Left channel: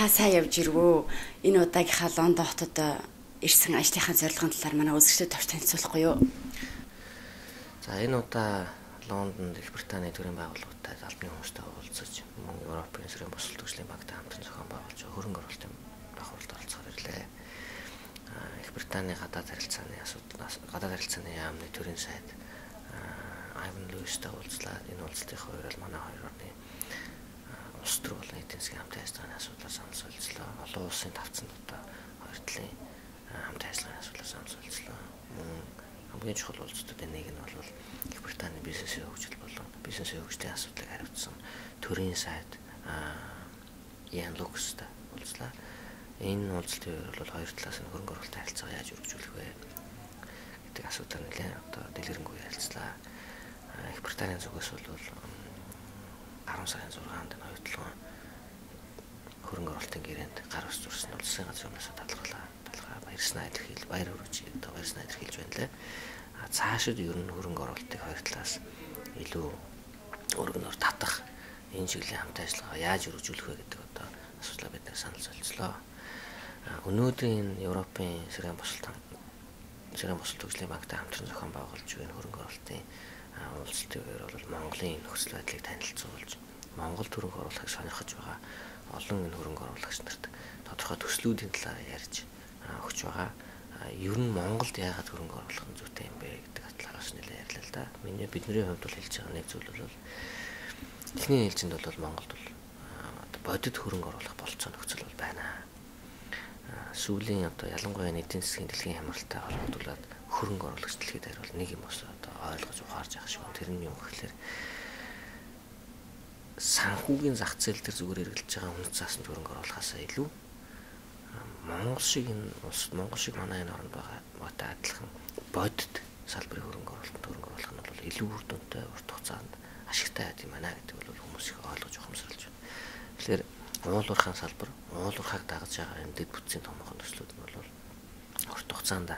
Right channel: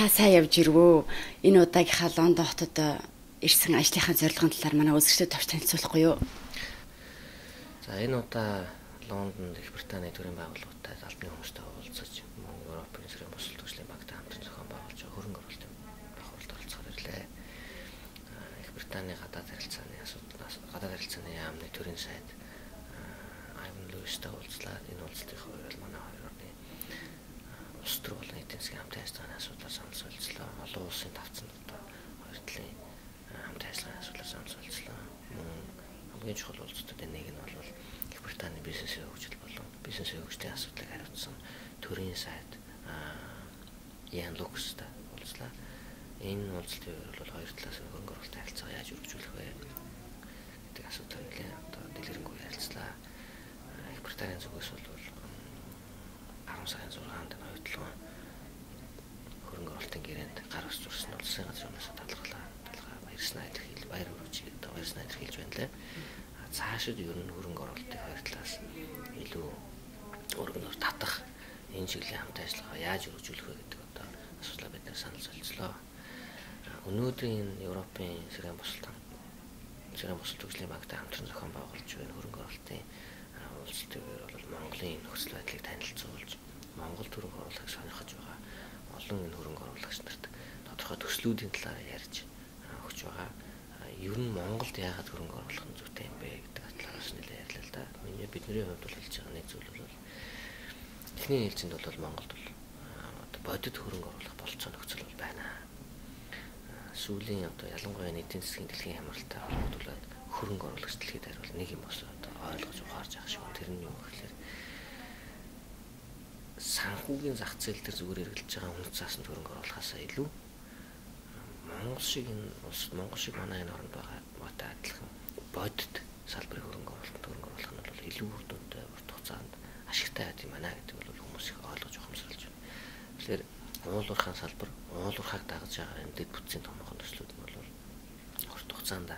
та сайн явж ирвөө. Энэ удаагийнхаа Лондон хотод ирсэн ажлынхаа зорилгын талаар манай үзэгчдэд товч танилцуулахгүй юу? За энэ удаа Лондонд Их Британийн төрийн байгууллагуудтай албаны хүмүүстэй уулзаж, Европ-Монголын Соёлын Төвийн багтай хамтран зохион байгуулж хөрөнгө оруулалтын бахуулалд оролцоход ирлээ. Их Британийн гадаад харилцааны яамны төрийн сайд Луистай уулзлаа. Энэ уулзалтын хувьд манай хоёр орны улс төр болон эдийн засгийн хамт ажиллагааны асуудлаар санал солилцлоо. Олон улсын давцанд одоо хоёр талын хамт ажиллагааны асуудлаар санал солилцлоо. Хамгийн чухал уулзалтуудын нэг нь бол Их Британийн бизнесийн хөгжил болон бизнесийн хөгжлийн асуудлыг хариуцсан төрийн сайд Ян Лукстай уулзлаа. Энэ уулзалтын хувьд хоёр талаас нь хөрөнгө оруулалтын харилцааг яаж үргэлжлүүлэх вэ гэдэг асуудлаар нэлээд одоо дэлгэрэнгүй ярилцлаа. Их Британийн зүгээс бол 10 сарын 6-нд оюутлын хөрөнгө оруулалтын гэрээнд гар ус зурсан нь улсын газрын өмнөөс талхаа баярснаа илэрхийлж баяр хүргэж баярснаа илэрхийлж байна лээ. Цаашид ер нь хөрөнгө оруулалтыг хоёр талаас илүү өргөнөөр татах энэ чиглэлийн хамт ажиллагаа яаж үргэлжлүүлэх вэ гэдэг одоо асуудлаа бид санал солилцлоо. Өнөөдрийн Европын Соёлын Төвийн багтай хамтран зохион байгуулж байгаа хөрөнгө оруулалтын уулзалтын үеэр бол Монголын нөхцөл байдлыг танилцуулж, Монгол хөрөнгө оруулахыг сонирхож байгаа олон энэ хөрөнгө оруулагч нарт тодорхой төслүүдийн талаар ярьж өгч байгаа. Ер нь Монголд яагаад хөрөнгө оруулах нь зүйтэй юм бэ гэдэг талаараас нэлээд ярьлаа л да. Бидний хувьд бол хэлж байгаа нэг зүйл бол эхний ээлжинд бол Монголд бол бодит хөрөнгө оруулах болцоо нөхцөл бол байна. Сүүлийн одоо ялангуяа эдийн засгийн дэлхийн хямралтай холбогдуулаад хөрөнгө оруулагч дэлхийд хариул нэг юм босоо одоо ойлгож ухаарж байгаа шиг. Тэр нь юу гэхээр санхүүгийн зах зээл дээр зүгээр эргэлж байгаа үнэт заасанд хөрөнгө оруулахаасаа илүү Монгол шиг манай энэ оронд байгаатай адилхан бодит салбарын хөрөнгө оруулах нь бол илүү үр дүнтэй урт хугацаанд ашигтай байд юм байна гэдэг бол хүмүүс их ойлгож ухамсарлаж байна. Тэгэхээр уулуурхайн салбар, уулуурхайг дагаж байгаа энэ дэд бүтцийн томоохон төслүүд нь бол урт хугацаанд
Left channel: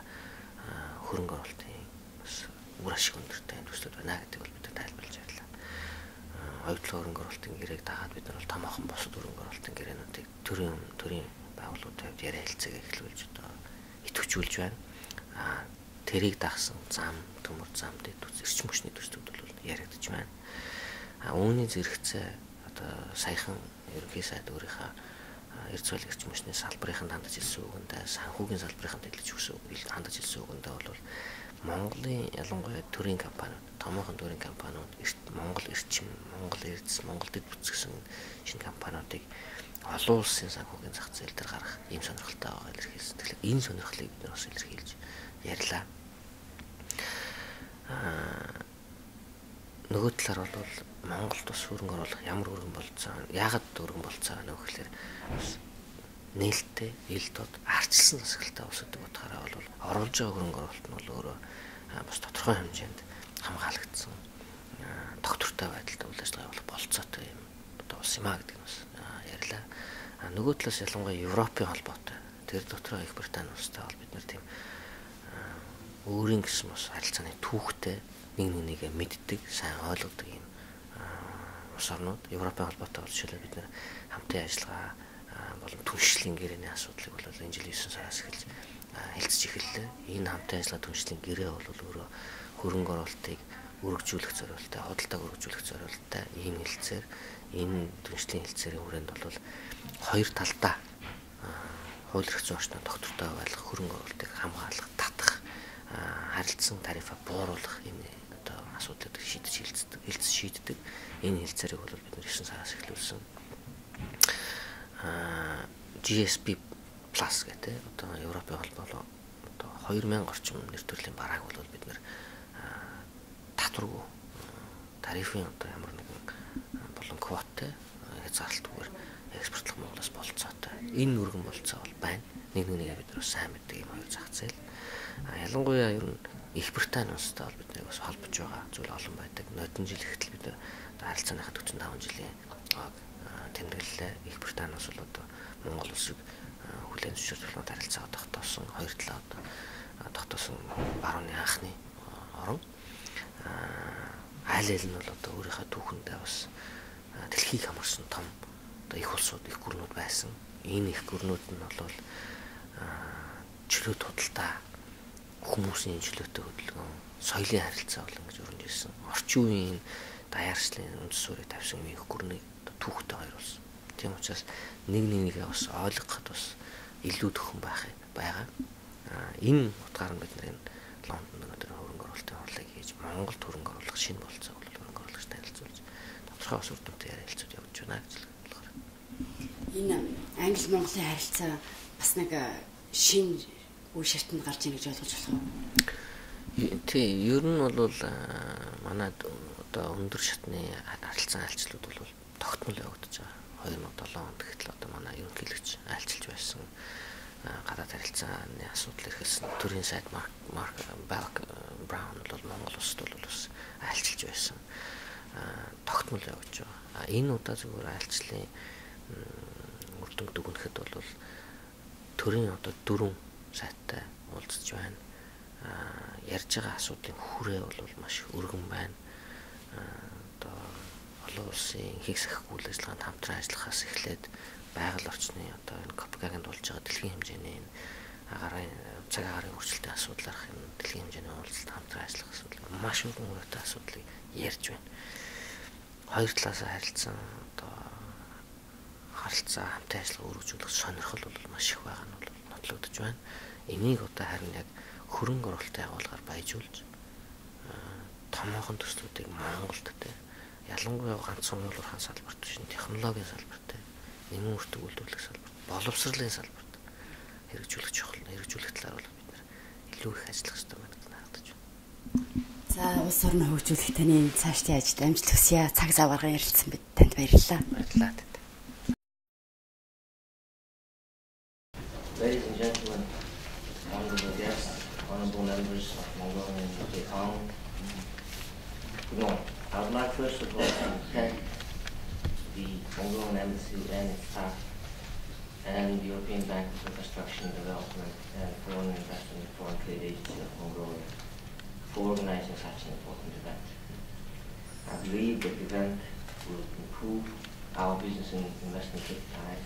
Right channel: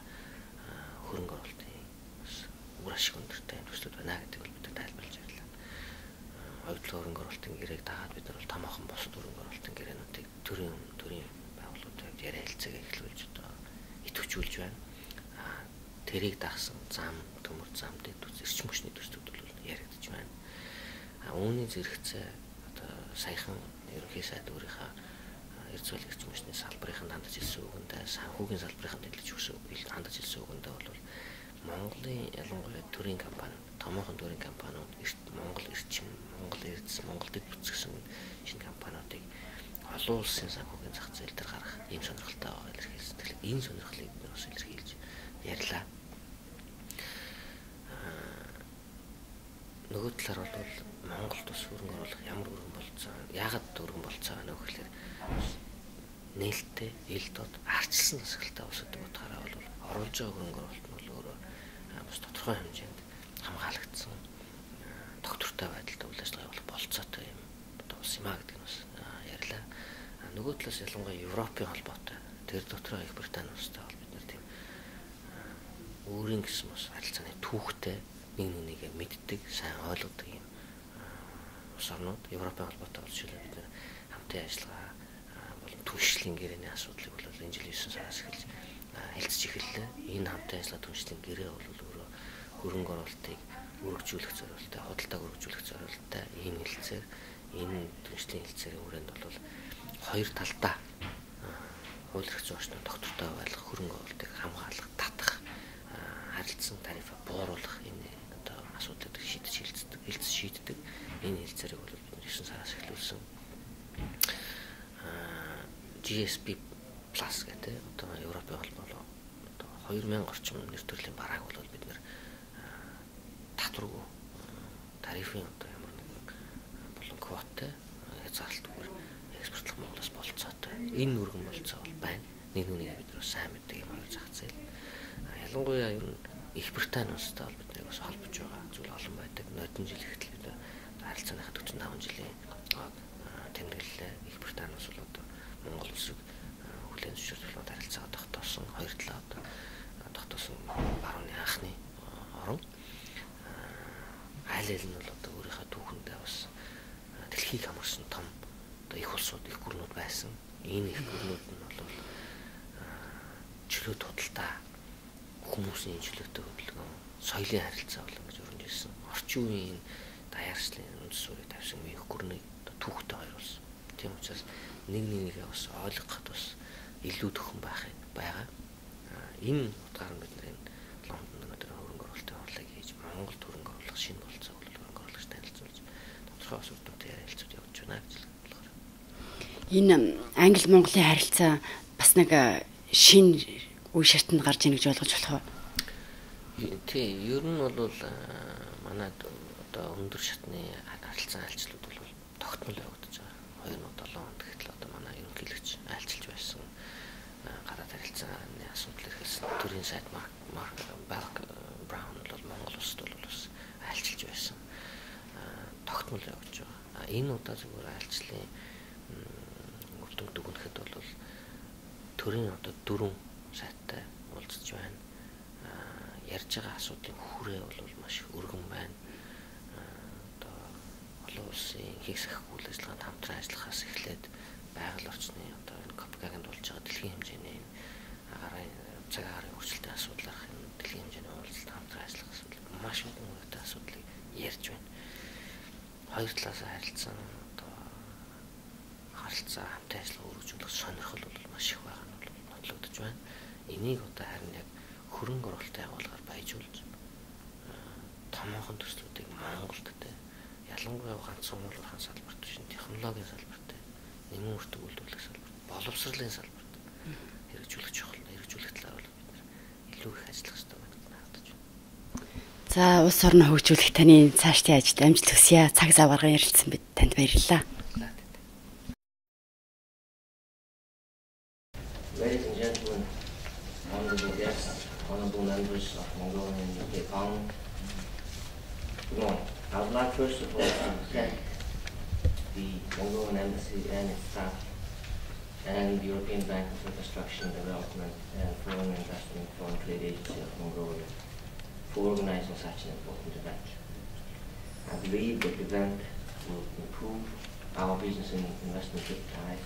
хөрөнгө оруулалтын бас үр ашиг өндөртэй төслүүд байна гэдэг бол бид тайлбарлаж ярьлаа. Оюутлын хөрөнгө оруулалтын гэрээг дагаад бид нар бол томоохон бусад хөрөнгө оруулалтын гэрээнүүдийг төрийн байгууллагуудад ярилцлага эхлүүлж одоо идэвхжүүлж байна. Тэрийг дагсан зам, төмөр зам дэд бүтц эрчим хүчний төслүүд бол яригдж байна. Үүний зэрэгцээ одоо саяхан ерөнхий сайд өөрийнхөө эрдэс эрчим хүчний салбарын хандаж хэлсэн үгэндээ санхүүгийн салбарын хандаж хэлсэн үгэндээ бол Монголын ялангуяа төрийн компаниуд, томоохон төрийн компаниуд, Монгол эрчим, Монгол эрдэс, Монгол дэд бүтц гэсэн шинэ компаниудыг олон улсын санхүүгийн зах зээл дээр гаргах ийм сонирхолтой байгаа илэрхийлсэн. Тэгэхээр энэ сонирхлыг бид нар бас илэрхийлж ярьлаа. Нөгөө талаар бол Монголд бас хөрөнгө оруулах ямар өргөн болцоо, яагаад өргөн болцоо байна вэ гэхээр нээлттэй, ил дод арчилсан засаглалтай улс гэдэг утгаараа бол оруулж байгаа хөрөнгө оруулалт нь бол өөрөө бас тодорхой хэмжээнд хамгаалагдсан доктортой байдалтай үйл ажиллагаа явуулах болцоотой юм одоо улс юм а гэдэг нь бас ярьлаа. Нөгөө талаас ялангуяа Европын холбоотой тэр дотроо Их Британи улстай бол бид нар тийм өөрийн гэсэн бас харилцааны түүхтэй нэг нэгээ мэддэг, сайн ойлгодог юм улс орнууд Европын холбоотой бол жишээлбэл бид нар хамтын ажиллагаа болон түншлэлийн гэрээний асуудлыг бол энэ жилийн 9 сараас эхэлж хэлцэж эхэллээ. Энэ хамтын ажиллагаа түншлэлийн гэрээ бол өөрөө хөрөнгө оруулалтыг өргөжүүлэх зорилттой, худалдааг өргөжүүлэх зорилттой ийм хэлцээр энэ түншлэлийн хэлцээрийн хүрээнд бол хоёр талдаа хууль эрх зүйн орчнод доктортой байлгах, хөрөнгө оруулалтыг хамгаалах, татах, харилцан тарифа бууруулах энэ одоо асуудлыг шийддэг. Энэ хэлцээрийг бол бид 9 сараас эхлүүлсэн. GSP Plus гэдэг одоо Европын холбоо одоо 2000 орчим нэр төрлийн барааг бол бид нэр татваргүй тарифын одоо ямар нэгэн болон квоттой хязгаарлалтгүйгээр экспортлох Монголоос болцоотой. Энэ өргөн болцоо бол байна. Нэг бид нар сайн мэддэг юм хоёр зах зээл. Ялангуяа ер нь Их Британи улстай бол бидний бас холбож байгаа зүйл олон байдаг. Нодон жил ихтэл бид харилцааныхаа 45 жилийн тэмдэглэлээ. Их Британи улс бол одоо Монгол улсыг хүлээн зөвшөөрөх харилцаа тогтоосон хоёр талаа одоо тогтоосон барууны анхны орон. Айл нь бол одоо өөрийнхөө түүхэндээ бас дэлхийг хамарсан том одоо их улсууд, их гүрнүүд байсан. Энэ их гүрнүүд нь бол чөлөө тодалтаа хүмүүсийн чөлөөтэй хөдөлгөөн, соёлын харилцаа болон гэж өрнөж ирсэн. Орчин үеийн даяарчлалын үндэс суурийг тавьсан их гүрнийг түүхтэй хоёруулсан. Тийм учраас нэгээ бас ойлгоход бас илүү төхөн байгаа. Энэ утгаараа бид нэр Лондонд өнөөдөр хөрөнгө оруулалтын хурлыг хийж Монголд хөрөнгө оруулах шинэ болцоог бол хөрөнгө оруулагчтай танилцуулж тодорхой бас үр дүнтэй ярилцлага явуулж байна гэж болохоор. Энэ Англи-Монголын харилцаа бас нэг шинэ үе шатнд гарч ийн гэж ойлгож болох уу? Тий, ер нь бол манайд одоо өндөр шатны харилцан айлчлууд бол тогтмол явагдаж байгаа. 2007 онд гэтэл одоо манай ерөнхийлөгч айлчилж байсан гадаад харилцааны асуудал эрхэлсэн төрийн сайд баялаг Браун бол Монгол улсад бол бас айлчилж байсан. Тогтмол явж байгаа. Энэ удаа зөвхөн айлчлалын үр дүн дүгнэхэд бол төрийн одоо 4 сайттай уулзж байна. Ярьж байгаа асуудлын хүрээ бол маш өргөн байна. Одоо олон улсын хийх сахихгүй үйл ажиллагаанд хамтран ажиллахаас эхлээд байгаль орчны одоо энэ Копенгагенд болж байгаа дэлхийн хэмжээний энэ цаг агаарын өөрчлөлтийн асуудлаарх энэ дэлхийн хэмжээний уулзалт хамтран ажиллах асуудал маш өргөн хүрээтэй асуудлыг ярьж байна. Хоёр талаас харилцсан одоо харилцаа хамтын ажиллагаа өргөжүүлэх сонирхол бол маш их байгаа нь бол нотлогдож байна. Энийг одоо харин яг хөрөнгө оруулалтын агуулгаар баяжуулж томоохон төслүүдийг Монголд ялангуяа ганцхан уйлуурхан салбарт шин технологийн салбарт нэмэн өртөг үйлдвэрлэх салбарт боловсролын салбарт хэрэгжүүлэх чухал хэрэгжүүлэх талаар бол бид нэр илүү их ажиллах хэрэгтэй байна гэж харагдаж байна. За улс орноо хөгжүүлэх таны цаашдын ажилд амжилт хүсье. Цаг зав гарган ярилцсан бид танд баярлалаа. Баярлалаа. Ladies and gentlemen, honorable guests, honorable members of Mongolian Parliament. I would like first of all to thank the Mongolian Embassy and its staff and the European Bank for Reconstruction and Development and Foreign Investment and Foreign Trade Agency of Mongolia for organizing such an important event. I believe that the event will improve our business and investment ties,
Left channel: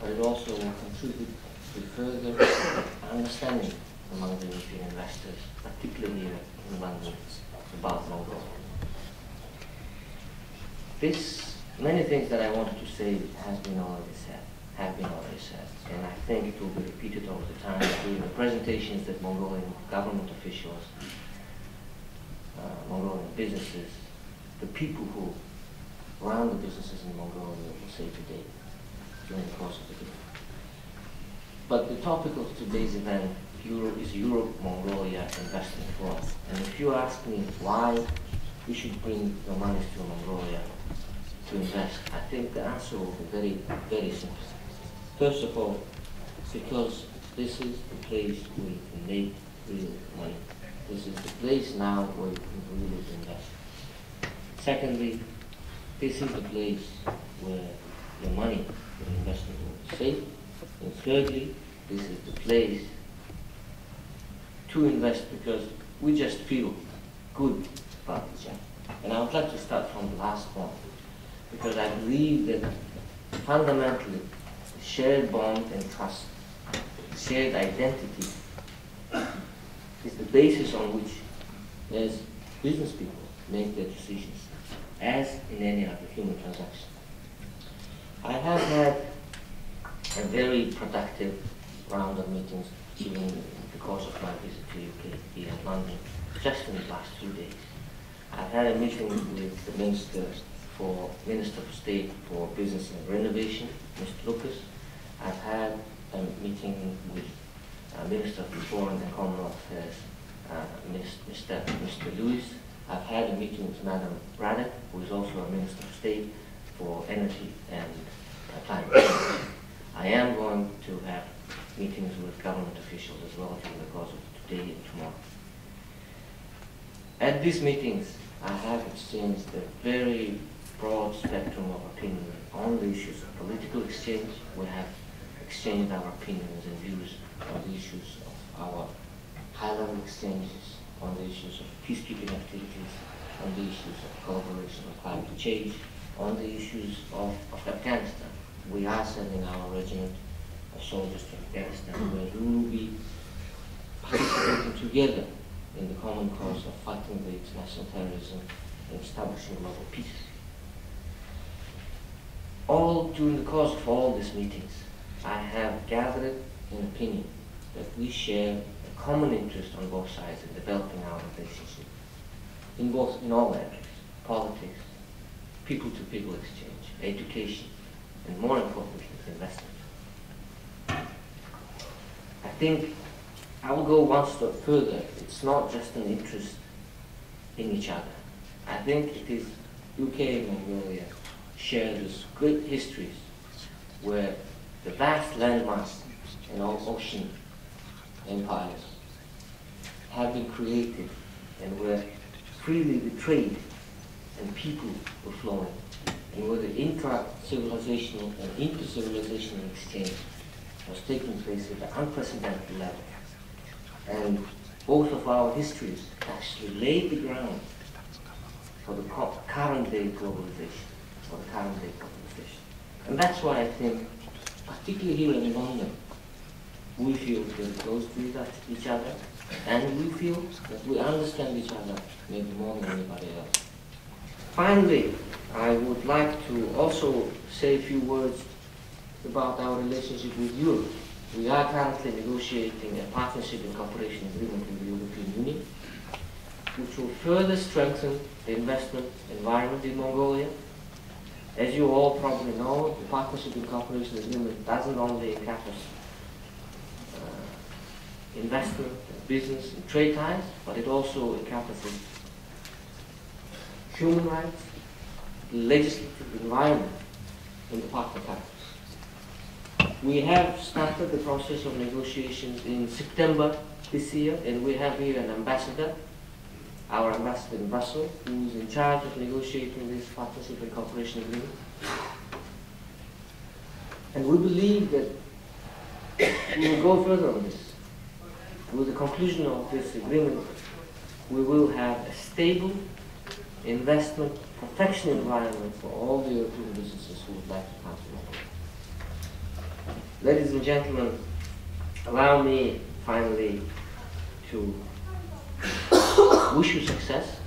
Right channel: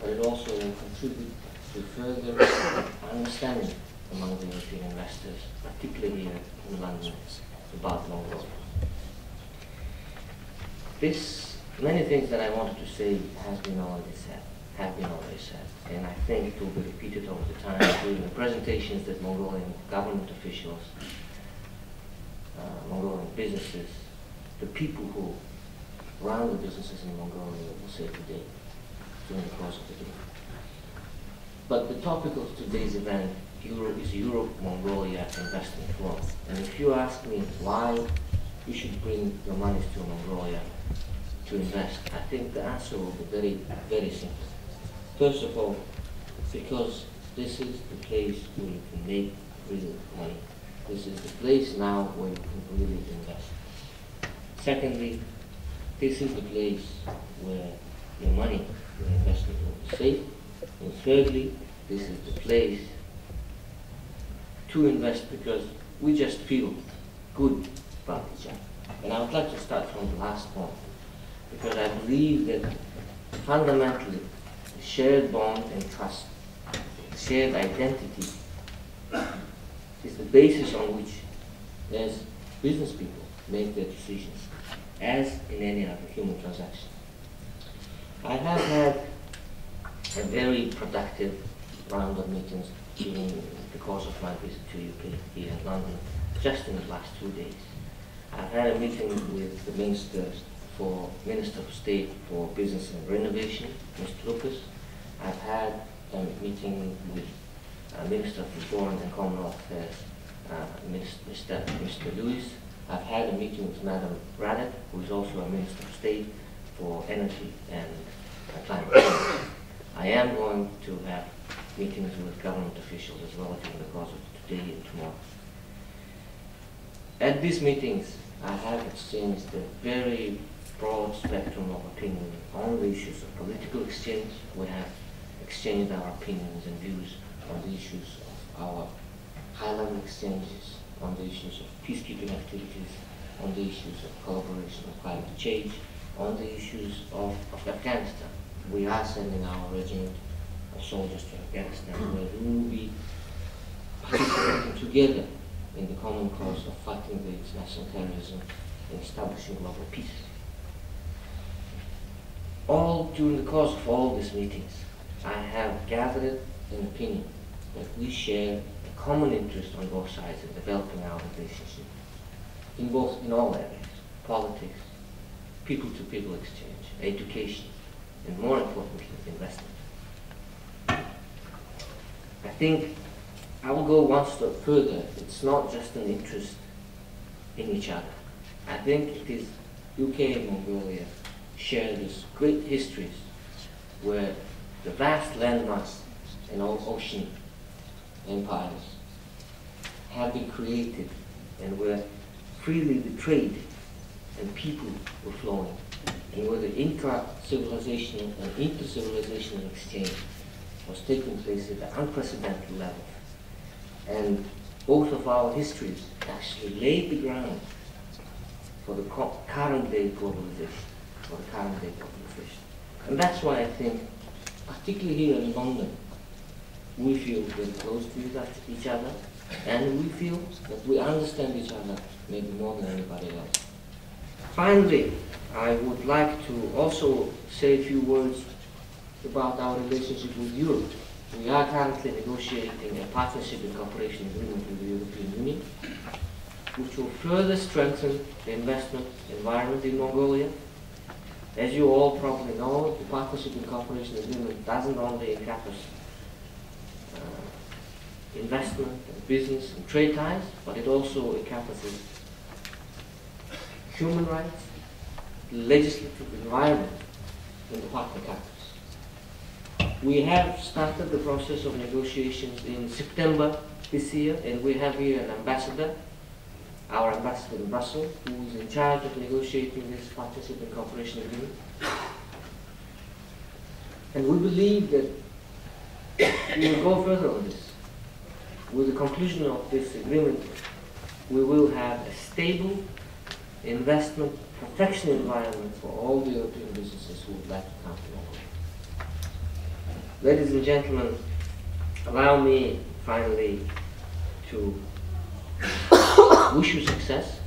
but it also will contribute to further understanding among the European investors, particularly here in London, about Mongolia. Many things that I wanted to say have been already said, and I think it will be repeated over the time during the presentations that Mongolian government officials, Mongolian businesses, the people who run the businesses in Mongolia will say today during the course of the day. But the topic of today's event is Europe-Mongolia Investment Forum. And if you ask me why you should bring your money to Mongolia to invest, I think the answer will be very, very simple. First of all, because this is the place where you can make real money. This is the place now where you can really invest. Secondly, this is the place where your money, your investment will be safe. And thirdly, this is the place to invest because we just feel good about each other. And I would like to start from the last one, because I believe that fundamentally shared bond and trust, shared identity is the basis on which, as business people, make their decisions, as in any other human transaction. I have had a very productive round of meetings during the course of my visit to UK here in London, just in the last 2 days. I've had a meeting with the Minister of State for Business and Renovation, Mr. Lucas. I've had a meeting with Minister of Foreign and Commonwealth Affairs, Mr. Lewis. I've had a meeting with Madam Braddock, who is also a Minister of State for Energy and Climate Change. I am going to have meetings with government officials as well during the course of today and tomorrow. At these meetings, I have exchanged a very broad spectrum of opinion on the issues of political exchange. We have exchanged our opinions and views on the issues of our high-level exchanges, on the issues of peacekeeping activities, on the issues of collaboration on climate change, on the issues of Afghanistan. we are sending our regiment of soldiers to Afghanistan, where we will be participating together in the common cause of fighting the international terrorism and establishing global peace. All during the course of all these meetings, I have gathered an opinion that we share a common interest on both sides in developing our relationship in all areas: politics, people-to-people exchange, education, and more importantly, investment. I think I will go one step further. It's not just an interest in each other. I think it is UK and Mongolia share these great histories where the vast landmass and ocean empires have been created and where freely the trade and people were flowing, and where the intra-civilizational and inter-civilizational exchange was taking place at an unprecedented level. And both of our histories actually laid the ground for the current day globalization, for the current day globalization. And that's why I think, particularly here in London, we feel very close to each other, and we feel that we understand each other maybe more than anybody else. Finally, I would like to also say a few words about our relationship with Europe. We are currently negotiating a partnership and cooperation agreement with the European Union, which will further strengthen the investment environment in Mongolia. As you all probably know, the partnership and cooperation agreement doesn't only encompass investment, and business, and trade ties, but it also encompasses human rights, legislative environment in the partner countries. We have started the process of negotiations in September this year, and we have here an ambassador, our ambassador in Brussels, who is in charge of negotiating this partnership and cooperation agreement. And we believe that we will go further on this. With the conclusion of this agreement, we will have a stable investment protection environment for all the European businesses who would like to come to Mongolia. Ladies and gentlemen, allow me finally to wish you success,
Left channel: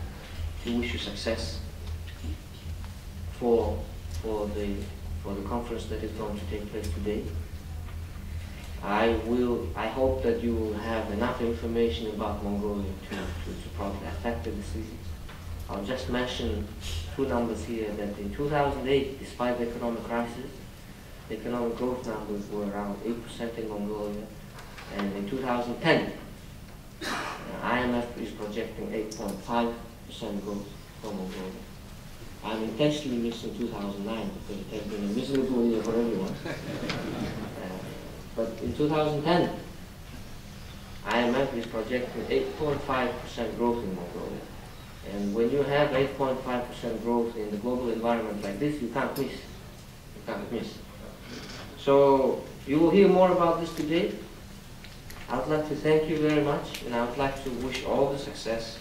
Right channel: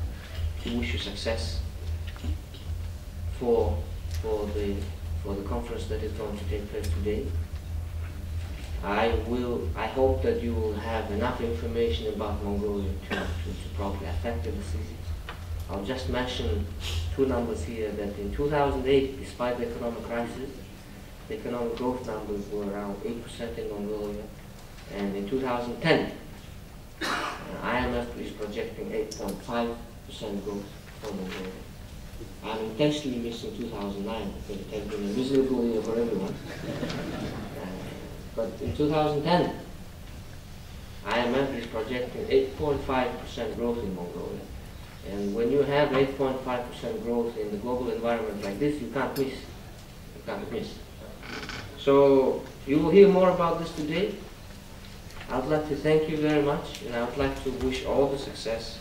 for the conference that is going to take place today. I hope that you will have enough information about Mongolia to probably affect the decisions. I'll just mention two numbers here, that in 2008, despite the economic crisis, the economic growth numbers were around 8% in Mongolia, and in 2010, IMF is projecting 8.5% growth for Mongolia. I'm intentionally missing 2009 because it has been a miserable year for everyone. But in 2010, IMF is projecting 8.5% growth in Mongolia. And when you have 8.5% growth in the global environment like this, you can't miss. You can't miss. So you will hear more about this today. I would like to thank you very much, and I would like to wish all the success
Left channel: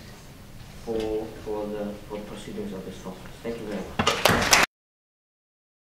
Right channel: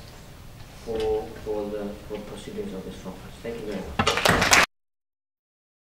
for the proceedings of this conference. Thank you very much.